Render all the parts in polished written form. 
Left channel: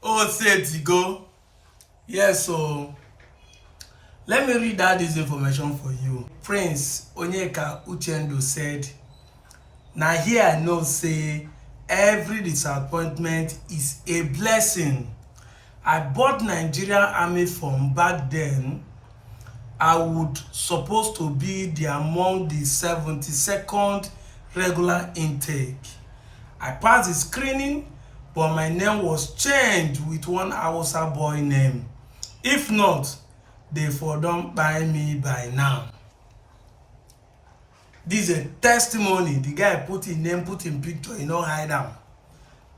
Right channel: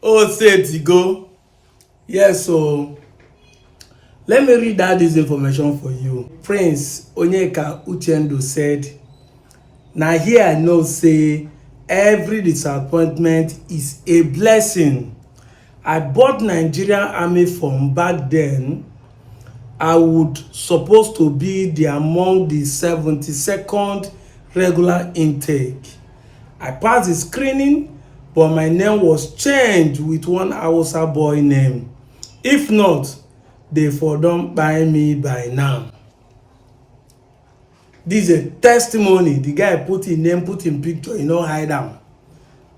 Oh, say it go. Yes, so let me read out this information for you. Prince Onyeka Uchendu said, "Now here I know say every disappointment is a blessing. I bought Nigerian army from back then. I would supposed to be among the 72nd regular intake. I passed the screening, but my name was changed with one Hausa boy name. If not, they for don buy me by now." This is a testimony. The guy put him name, put him picture, hide am.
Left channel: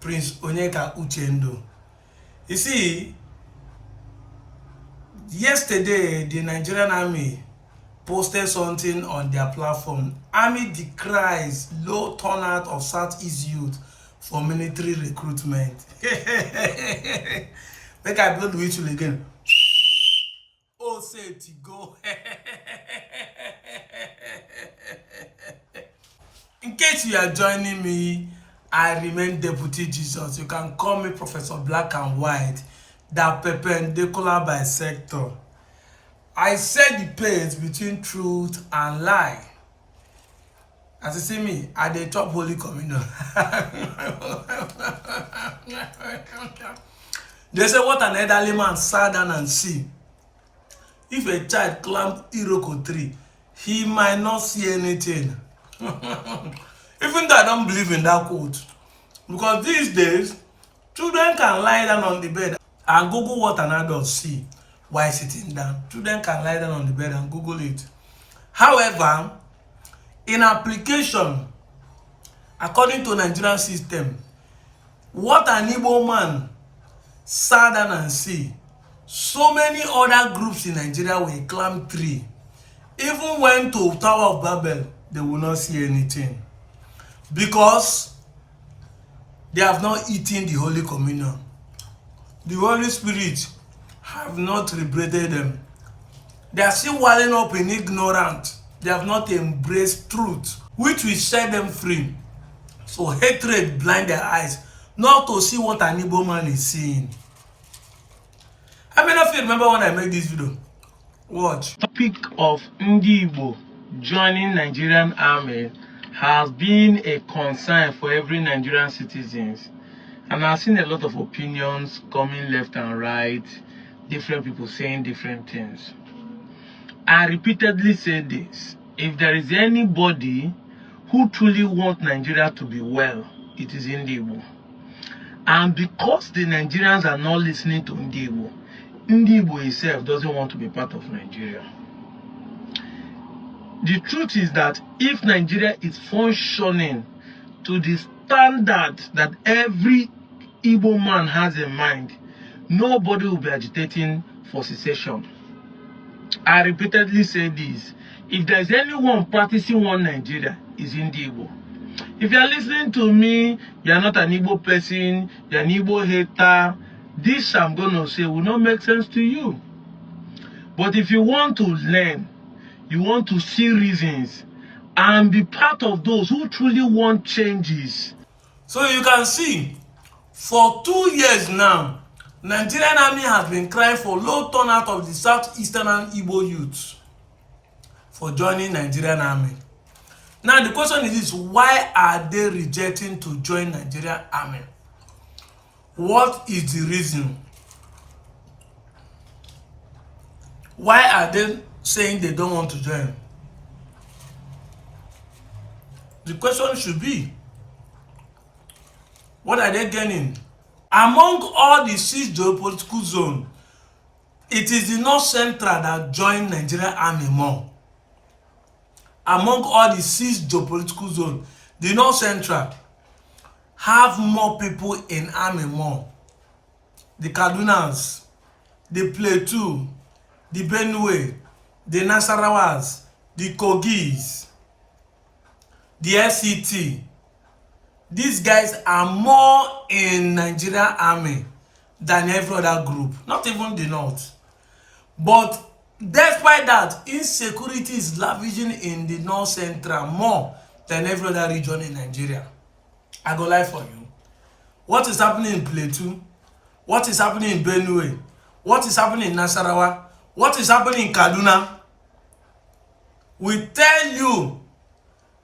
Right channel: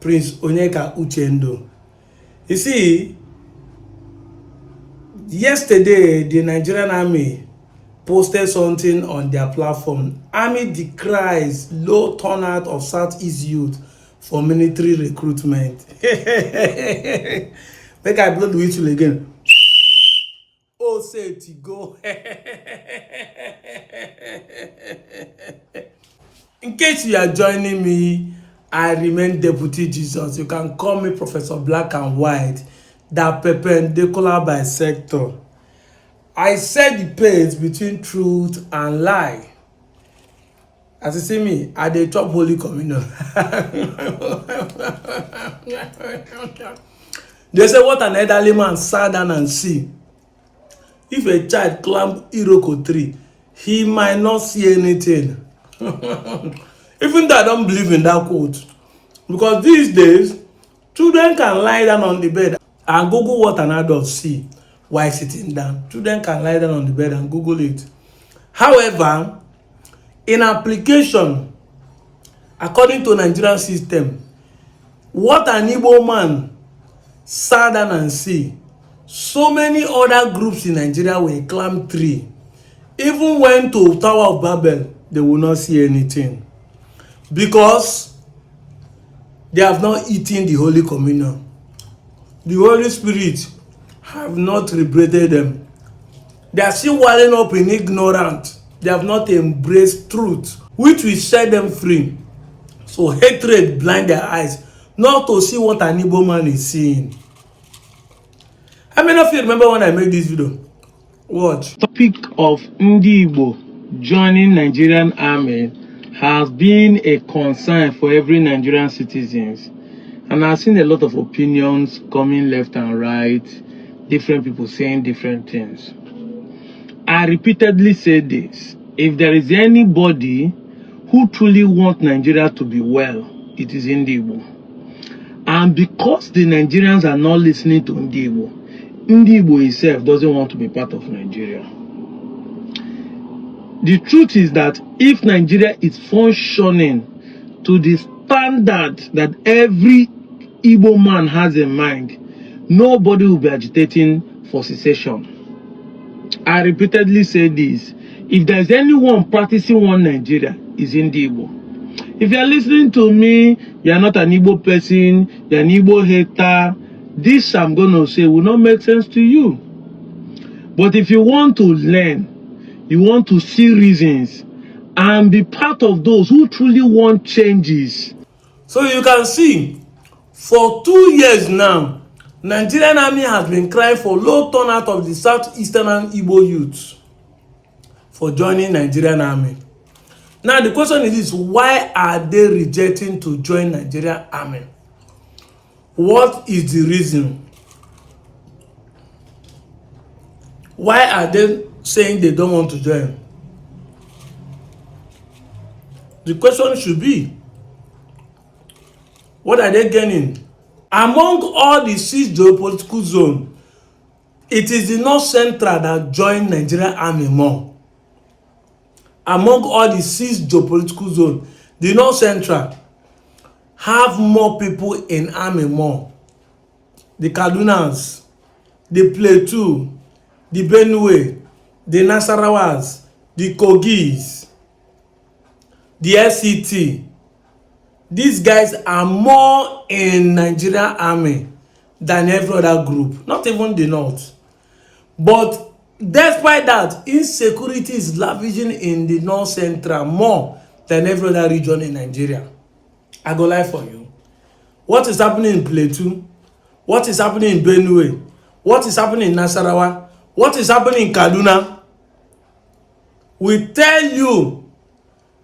Prince Onyeka Uchendu. You see, yesterday the Nigerian army posted something on their platform. Army decries low turnout of Southeast youth for military recruitment. Make I blow the whistle again. Oh, say it go. In case you are joining me, I remain Deputy Jesus. You can call me Professor Black and White, that perpendicular bisector. I set the pace between truth and lie. As you see me, I dey chop Holy Communion. They say, what an elderly man sat down and see. If a child climb Iroko tree, he might not see anything. Even though I don't believe in that quote. Because these days, children can lie down on the bed and Google what an adult see while sitting down. Children can lie down on the bed and Google it. However, in application, according to Nigerian system, what an Igbo man sat down and see, so many other groups in Nigeria will climb tree. Even went to Tower of Babel, they will not see anything. Because they have not eaten the Holy Communion. The Holy Spirit have not liberated them. They are still walling up in ignorance. They have not embraced truth, which will set them free. So hatred blind their eyes, not to see what an Igbo man is seeing. How many of you remember when I made this video? Watch. Topic of Ndi Igbo joining Nigerian army has been a concern for every Nigerian citizens. And I've seen a lot of opinions coming left and right, different people saying different things. I repeatedly say this: if there is anybody who truly wants Nigeria to be well, it is Ndi Igbo. And because the Nigerians are not listening to Ndi Igbo itself doesn't want to be part of Nigeria. The truth is that if Nigeria is functioning to the standard that every Igbo man has in mind, nobody will be agitating for secession. I repeatedly say this: if there is anyone practicing one Nigeria, is Ndi Igbo. If you are listening to me, you are not an Igbo person, you are an Igbo hater, this I'm going to say will not make sense to you. But if you want to learn, you want to see reasons, and be part of those who truly want changes. So you can see, for 2 years now, Nigerian army has been crying for low turnout of the southeastern Igbo youth for joining Nigerian army. Now the question is this: why are they rejecting to join Nigerian army? What is the reason? Why are they saying they don't want to join? The question should be, what are they gaining? Among all the 6 geopolitical zones, it is the North Central that joined Nigerian army more. Among all the 6 geopolitical zones, the North Central have more people in army more. The Kadunas, the Plateau, the Benue, the Nasarawas, the Kogis, the SCT. These guys are more in Nigerian army than every other group, not even the North. But despite that, insecurity is lavishing in the North Central more than every other region in Nigeria. I go lie for you. What is happening in Plateau? What is happening in Benue? What is happening in Nasarawa? What is happening in Kaduna? We tell you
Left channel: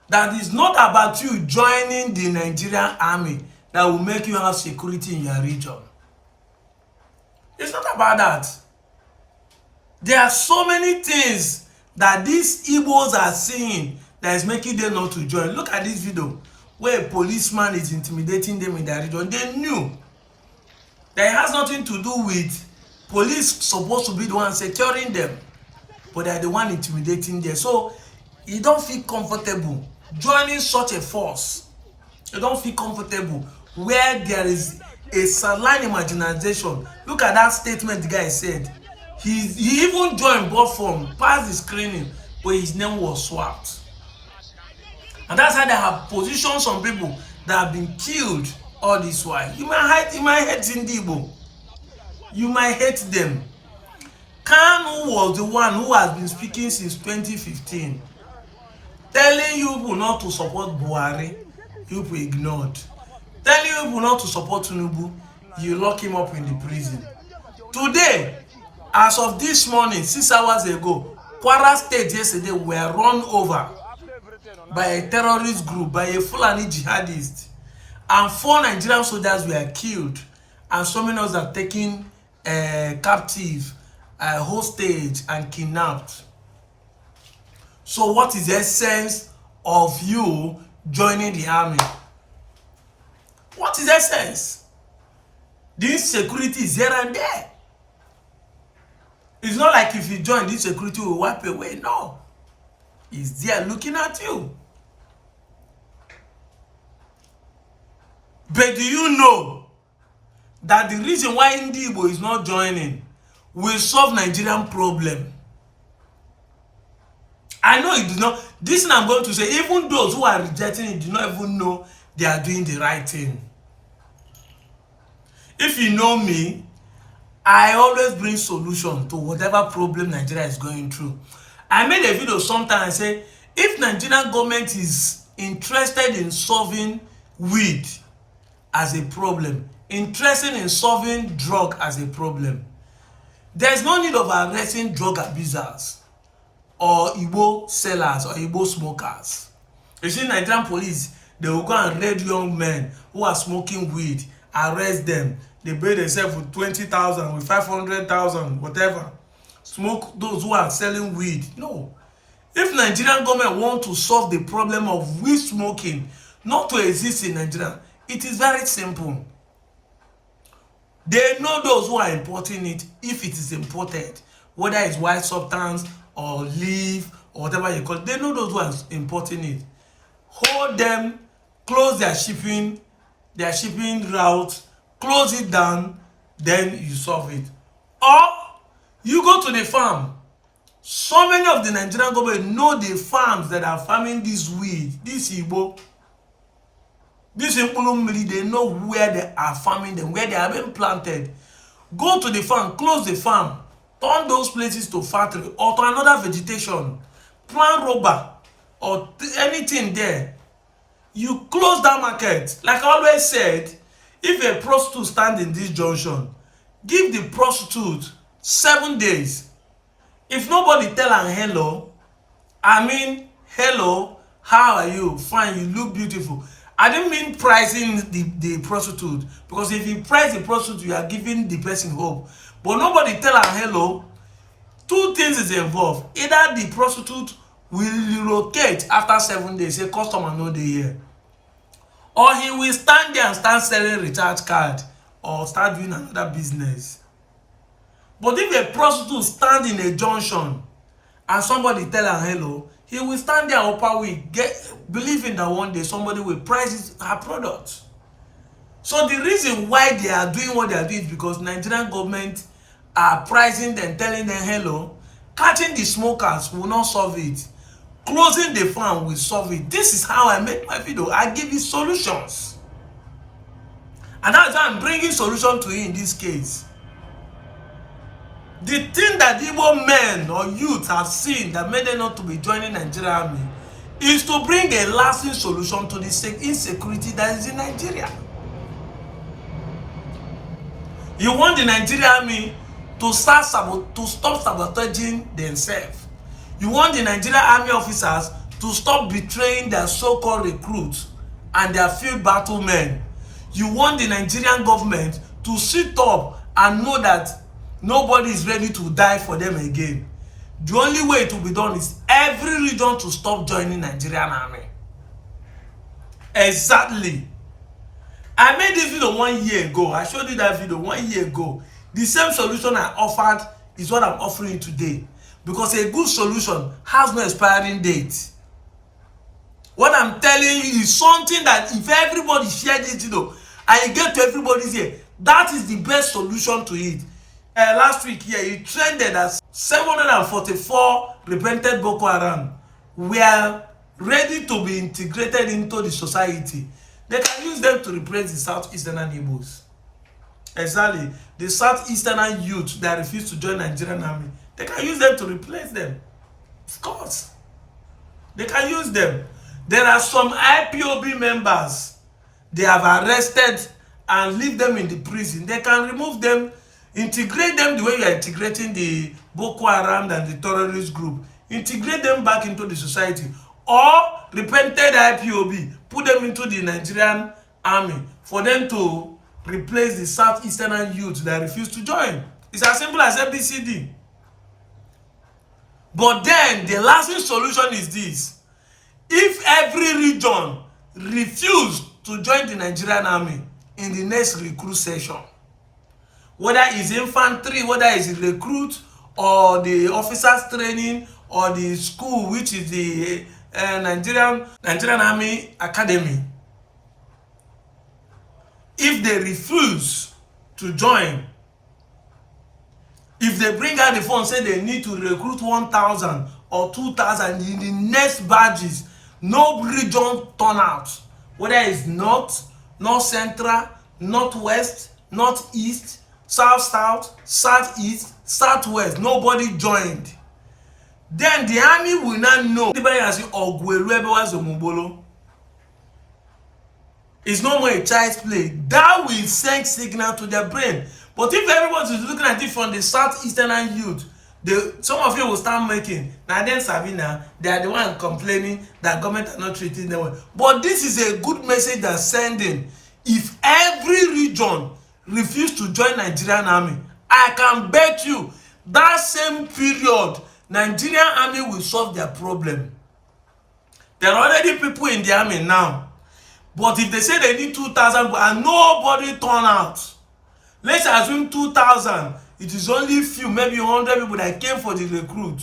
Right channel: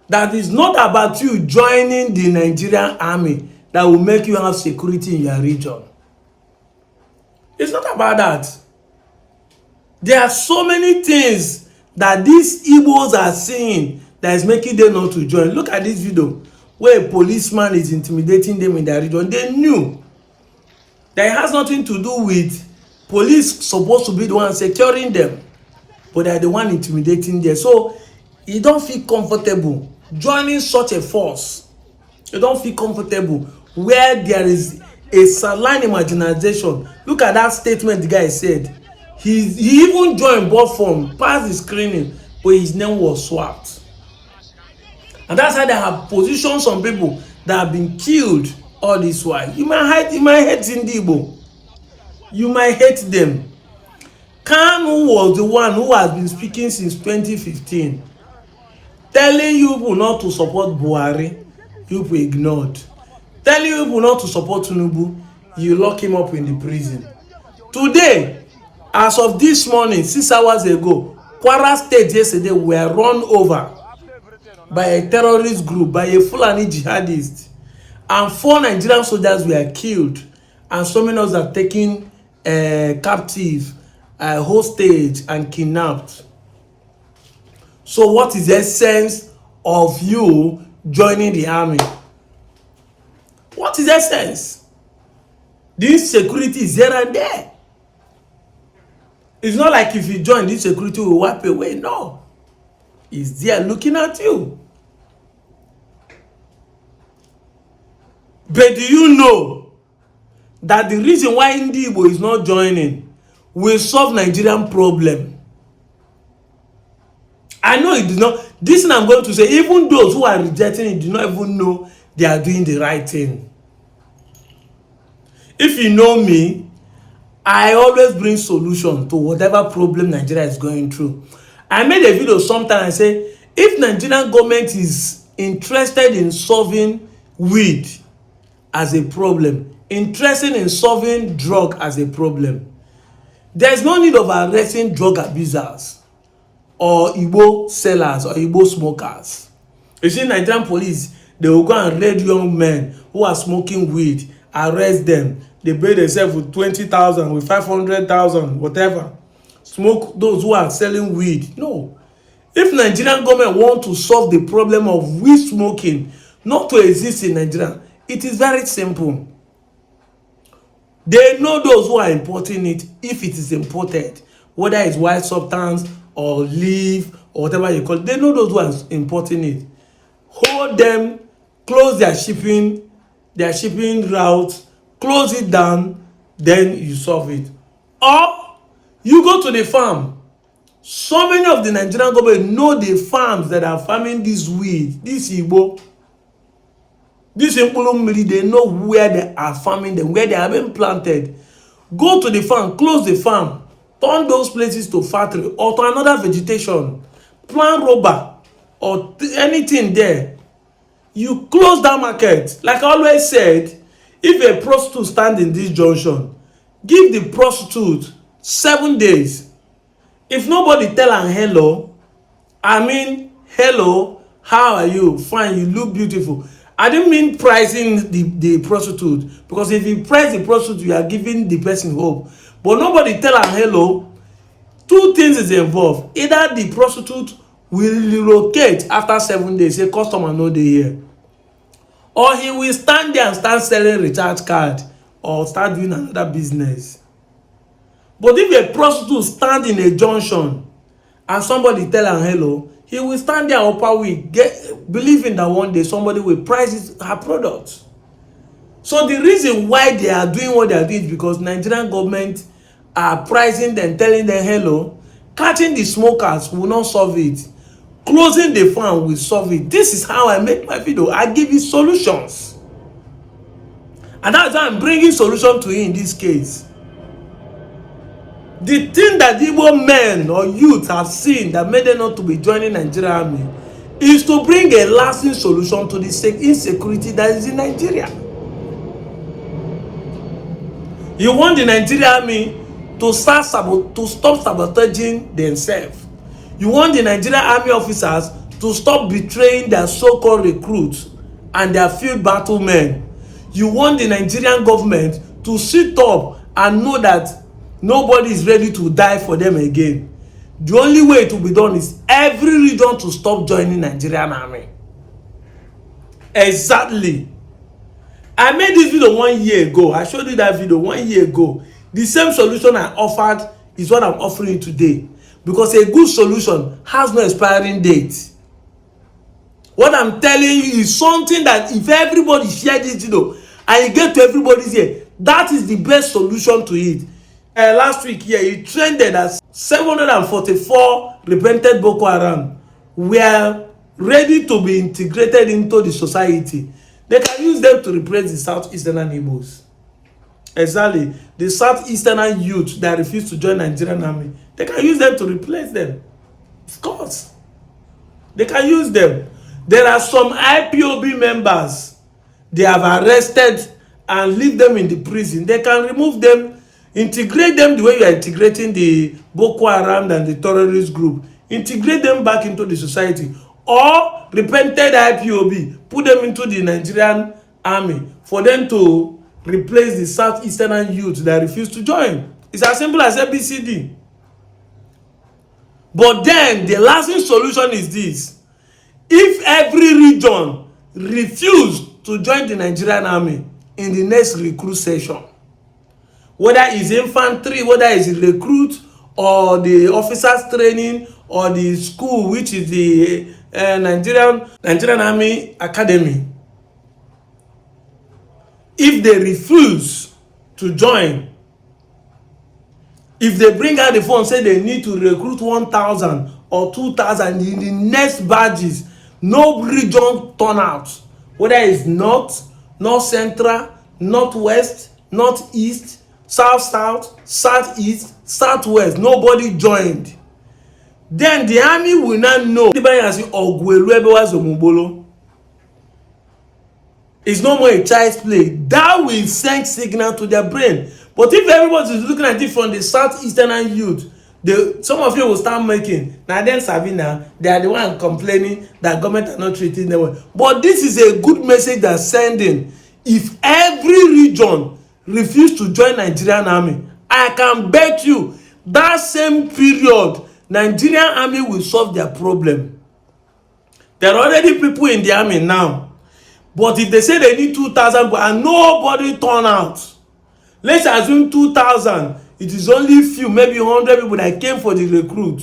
that it's not about you joining the Nigerian army that will make you have security in your region. It's not about that. There are so many things that these Igbos are seeing that is making them not to join. Look at this video where a policeman is intimidating them in their region. They knew that it has nothing to do with police supposed to be the one securing them, but they're the one intimidating them. So you don't feel comfortable joining such a force. You don't feel comfortable where there is a saline imagination. Look at that statement the guy said. He even joined both form, passed the screening, but his name was swapped. And that's how they have positioned some people that have been killed all this while. You might hate Indibo. You might hate them. Kanu was the one who has been speaking since 2015, telling you people not to support Buhari. You people ignored. Telling you people not to support Tinubu. You lock him up in the prison. Today, as of this morning, 6 hours ago, Kwara State yesterday were run over by a terrorist group, by a Fulani jihadist, and 4 Nigerian soldiers were killed, and so many others are taken captive, hostage, and kidnapped. So what is the essence of you joining the army? What is the essence? This security is here and there. It's not like if you join, this security will wipe away. No. It's there looking at you. But do you know that the reason why Indibo is not joining will solve Nigerian problem? I know it does not. This thing I'm going to say, even those who are rejecting it do not even know they are doing the right thing. If you know me, I always bring solution to whatever problem Nigeria is going through. I made a video sometime. I say, if Nigerian government is interested in solving weed as a problem, interested in solving drug as a problem, there's no need of arresting drug abusers or Igbo sellers or Igbo smokers. You see, Nigerian police, they will go and raid young men who are smoking weed, arrest them. They pay themselves with 20,000, with 500,000, whatever. Smoke those who are selling weed. No. If Nigerian government want to solve the problem of weed smoking not to exist in Nigeria, it is very simple. They know those who are importing it, if it is imported, whether it's white substance or leaf or whatever you call it. They know those who are importing it. Hold them, close their shipping route, close it down, then you solve it. Or you go to the farm. So many of the Nigerian government know the farms that are farming this weed, this Igbo, this Impulumiri. They know where they are farming them, where they have been planted. Go to the farm, close the farm, turn those places to factory or to another vegetation, plant rubber or anything there. You close that market. Like I always said, if a prostitute stand in this junction, give the prostitute 7 days. If nobody tell her hello, hello, how are you? Fine, you look beautiful. I didn't mean pricing the prostitute, because if you price the prostitute, you are giving the person hope. But nobody tell her hello. 2 things is involved. Either the prostitute will relocate after 7 days, say customer no dey here, or he will stand there and start selling recharge card or start doing another business. But if a prostitute stand in a junction and somebody tell her hello, he will stand there upper week, believing that one day somebody will price her product. So the reason why they are doing what they are doing is because Nigerian government are pricing them, telling them hello. Catching the smokers will not solve it. Closing the farm will solve it. This is how I make my video. I give you solutions. And that's why I'm bringing solution to you in this case. The thing that Igbo men or youth have seen that made them not to be joining Nigerian army is to bring a lasting solution to the insecurity that is in Nigeria. You want the Nigerian army to stop sabotaging themselves. You want the Nigerian army officers to stop betraying their so-called recruits and their field battle men. You want the Nigerian government to sit up and know that nobody is ready to die for them again. The only way it will be done is every region to stop joining Nigerian army. Exactly. I made this video 1 year ago. I showed you that video 1 year ago. The same solution I offered is what I'm offering you today. Because a good solution has no expiring date. What I'm telling you is something that if everybody share this video and you get to everybody's ear, that is the best solution to it. Last week here, it trended as 744 repented Boko Haram were ready to be integrated into the society. They can use them to replace the Southeastern Igbos. Exactly. The Southeastern youth that refuse to join Nigerian army. They can use them to replace them. Of course. They can use them. There are some IPOB members they have arrested and leave them in the prison. They can remove them, integrate them the way you are integrating the Boko Haram and the terrorist group. Integrate them back into the society. Or repented IPOB, put them into the Nigerian army for them to replace the Southeastern youth that refuse to join. It's as simple as ABCD. But then the lasting solution is this. If every region refuse to join the Nigerian army in the next recruit session, whether it's infantry, whether it's recruit or the officers training or the school, which is the Nigerian Army Academy, if they refuse to join, if they bring out the phone say they need to recruit 1,000 or 2,000 in the next batches, no region turn out, whether it's north central, northwest, northeast, south, southeast, southwest, nobody joined. Then the army will not know. It's no more a child's play. That will send signal to their brain. But if everybody is looking at it from the Southeastern youth, some of you will start making, now then Sabina, they are the one complaining that government are not treating them well. But this is a good message they're sending. If every region refuse to join Nigerian army, I can bet you that same period, Nigerian army will solve their problem. There are already people in the army now. But if they say they need 2,000 and nobody turn out, let's assume 2,000, it is only few, maybe 100 people that came for the recruit.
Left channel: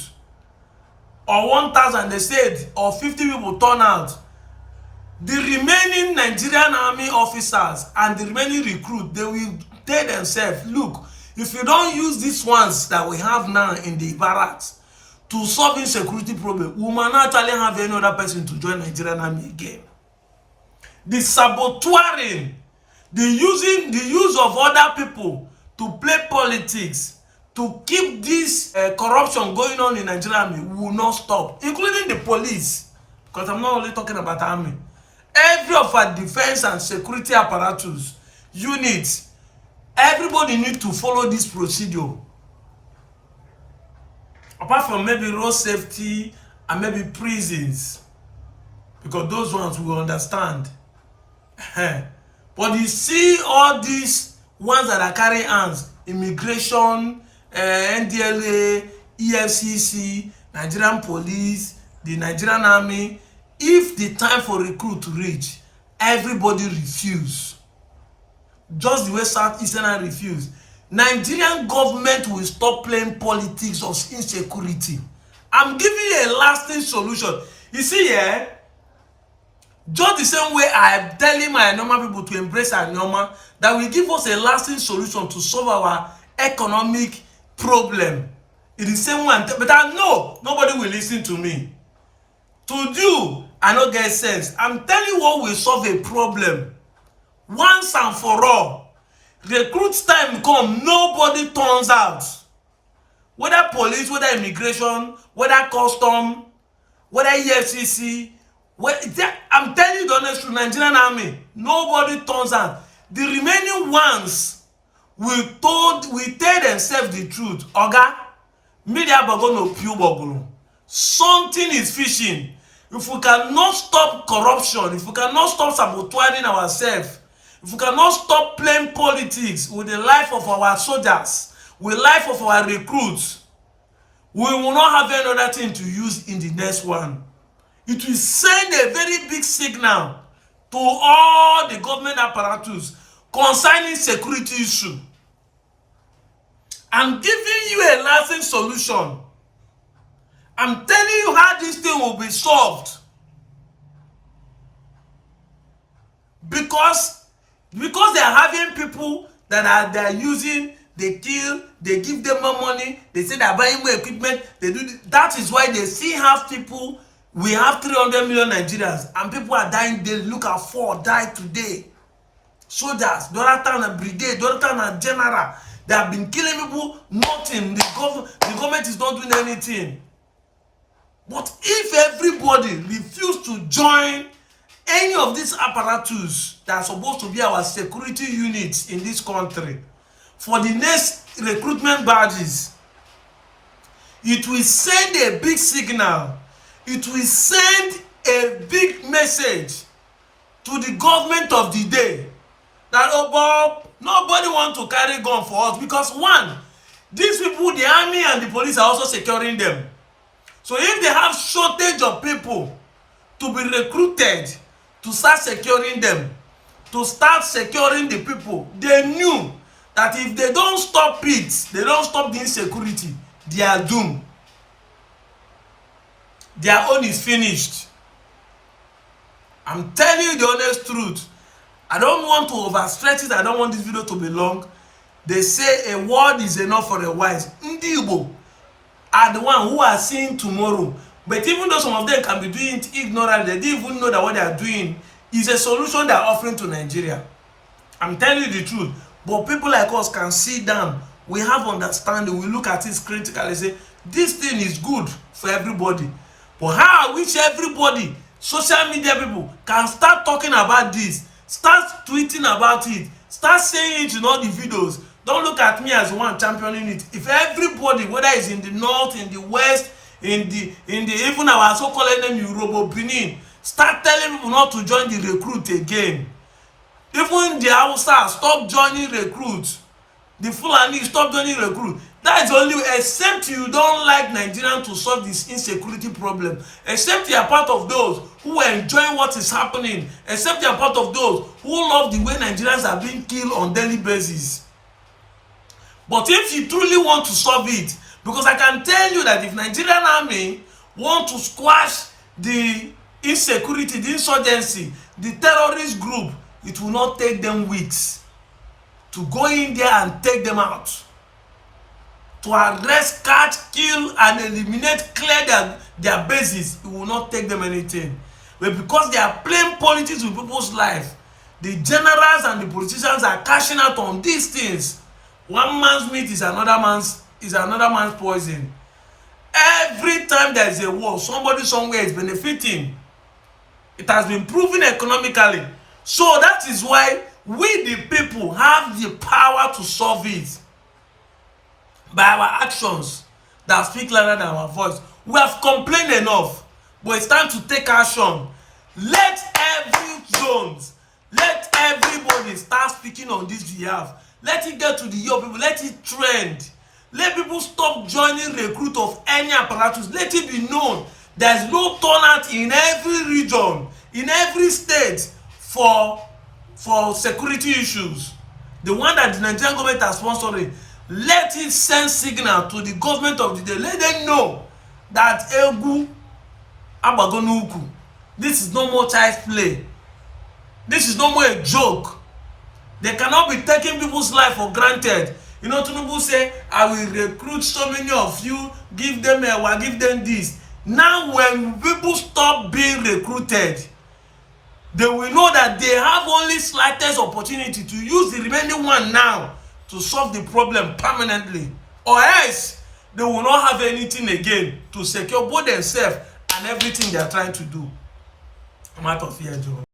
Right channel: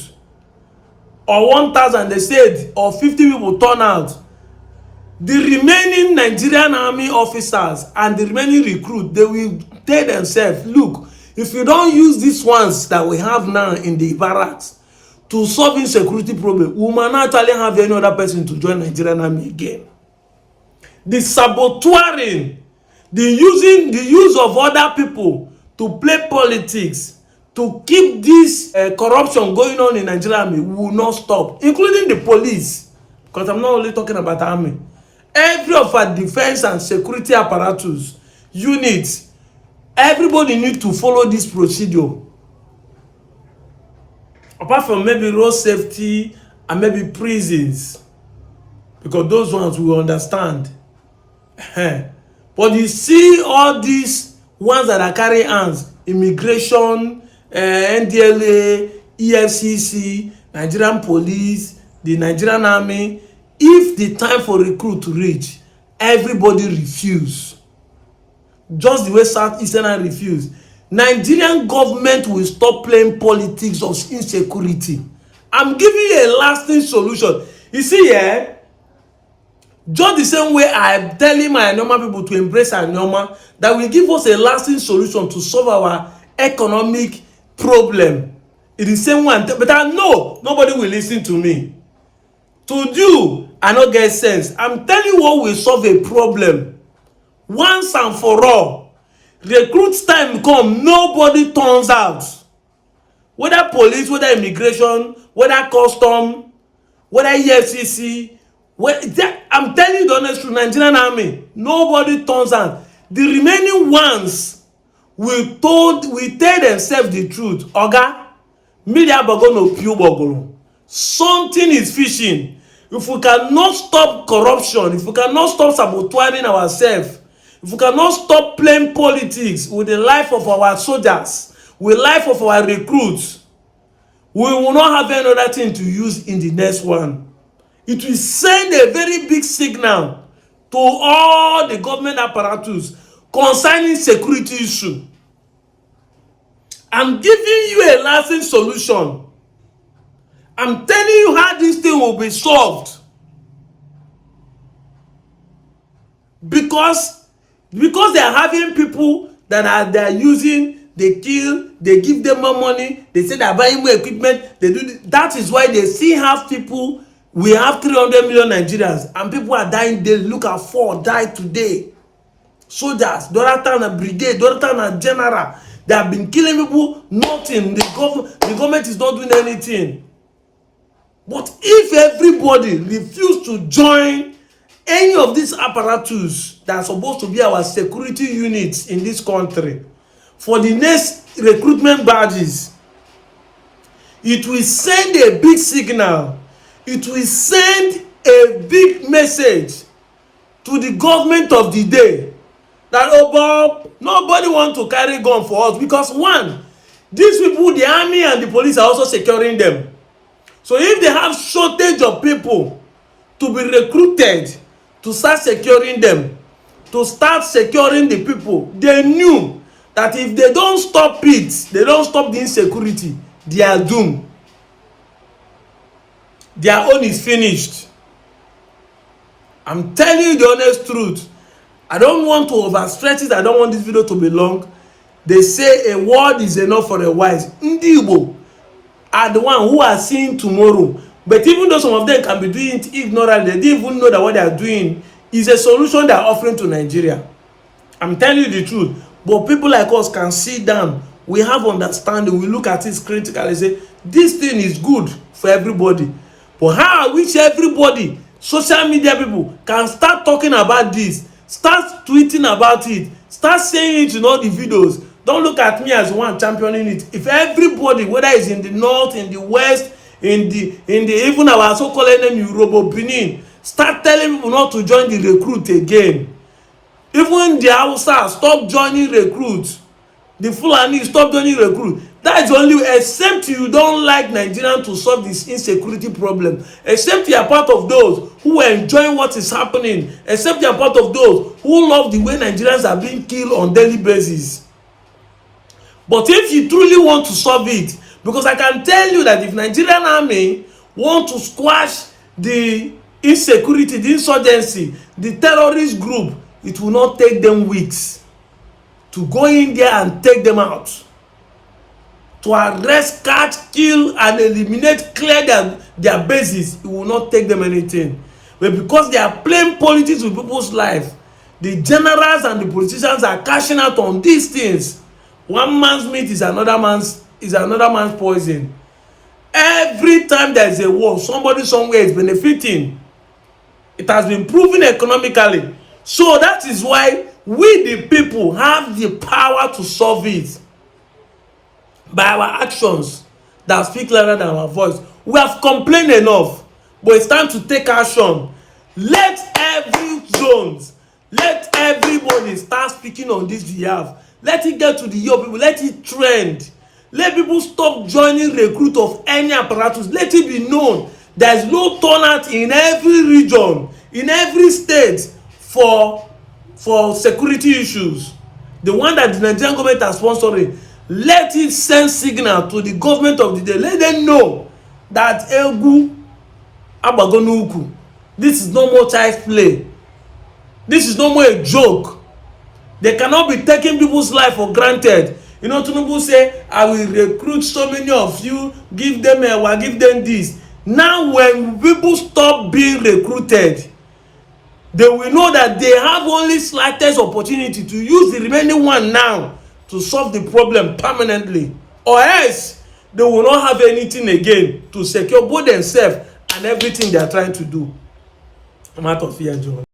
Or 1,000 they said, or 50 people turn out. The remaining Nigerian army officers and the remaining recruit, they will tell themselves, look, if you don't use these ones that we have now in the barracks to solve insecurity problem, we might not actually have any other person to join Nigerian army again. The saboteuring, the use of other people to play politics, to keep this corruption going on in Nigerian army will not stop, including the police, because I'm not only talking about army. Every of our defense and security apparatus, units, everybody need to follow this procedure. Apart from maybe road safety and maybe prisons, because those ones will understand. But you see all these ones that are carrying arms, immigration, NDLA, EFCC, Nigerian police, the Nigerian army, if the time for recruit to reach, everybody refuse. Just the way Southeastern refuse. Nigerian government will stop playing politics of insecurity. I'm giving you a lasting solution. You see, just the same way I'm telling my normal people to embrace our normal, that will give us a lasting solution to solve our economic problem. In the same way, but I know nobody will listen to me. To you, I don't get sense. I'm telling you what will solve a problem once and for all. Recruit time come, nobody turns out. Whether police, whether immigration, whether custom, whether EFCC, I'm telling you the honest truth, Nigerian army, nobody turns out. The remaining ones will tell themselves the truth. Oga, media bagono piu bogolo. Something is fishing. If we cannot stop corruption, if we cannot stop sabotaging ourselves, if we cannot stop playing politics with the life of our soldiers, with the life of our recruits, we will not have any other thing to use in the next one. It will send a very big signal to all the government apparatus concerning security issue. I'm giving you a lasting solution. I'm telling you how this thing will be solved. Because they are having people that they are using, they kill, they give them more money, they say they are buying more equipment, they do that is why they still have people. We have 300 million Nigerians and people are dying daily. Look at 4 died today. Soldiers, the other time a brigade, the other time a general. They have been killing people, nothing. The government is not doing anything. But if everybody refuse to join any of these apparatus that are supposed to be our security units in this country for the next recruitment badges, it will send a big signal. It will send a big message to the government of the day that, oh Bob, nobody wants to carry gun for us, because one, these people, the army and the police are also securing them. So if they have shortage of people to be recruited to start securing them, to start securing the people, they knew that if they don't stop it, they don't stop the insecurity, they are doomed. Their own is finished. I'm telling you the honest truth. I don't want to overstretch it. I don't want this video to be long. They say a word is enough for a wise. Ndị Igbo are the one who are seeing tomorrow. But even though some of them can be doing it ignorantly, they didn't even know that what they are doing is a solution they are offering to Nigeria. I'm telling you the truth. But people like us can sit down. We have understanding. We look at it critically and say, this thing is good for everybody. But how I wish everybody, social media people, can start talking about this, start tweeting about it, start saying it in all the videos. Don't look at me as one championing it. If everybody, whether it's in the north, in the west, in the even our so-called enemy Europe, Benin, start telling people not to join the recruit again. Even the Hausa stop joining recruits. The Fulani stop joining recruit. That's only, except you don't like Nigerians to solve this insecurity problem, except you are part of those who are enjoying what is happening, except you are part of those who love the way Nigerians are being killed on daily basis. But if you truly want to solve it, because I can tell you that if Nigerian army want to squash the insecurity, the insurgency, the terrorist group, it will not take them weeks to go in there and take them out. To arrest, catch, kill, and eliminate, clear their bases, it will not take them anything. But because they are playing politics with people's life, the generals and the politicians are cashing out on these things. One man's meat is another man's poison. Every time there is a war, somebody somewhere is benefiting. It has been proven economically. So that is why we the people have the power to solve it by our actions that speak louder than our voice. We have complained enough, but it's time to take action. Let every zones, let everybody start speaking on this behalf. Let it get to the young people. Let it trend. Let people stop joining recruit of any apparatus. Let it be known there is no turnout in every region, in every state for security issues. The one that the Nigerian government has sponsoring, let it send signal to the government of the day. Let them know that Egu Abagonuku, this is no more child's play. This is no more a joke. They cannot be taking people's life for granted. You know, Tinubu say, I will recruit so many of you, give them this. Now, when people stop being recruited, they will know that they have only slightest opportunity to use the remaining one now to solve the problem permanently. Or else, they will not have anything again to secure both themselves and everything they are trying to do. I'm out of here, Joe.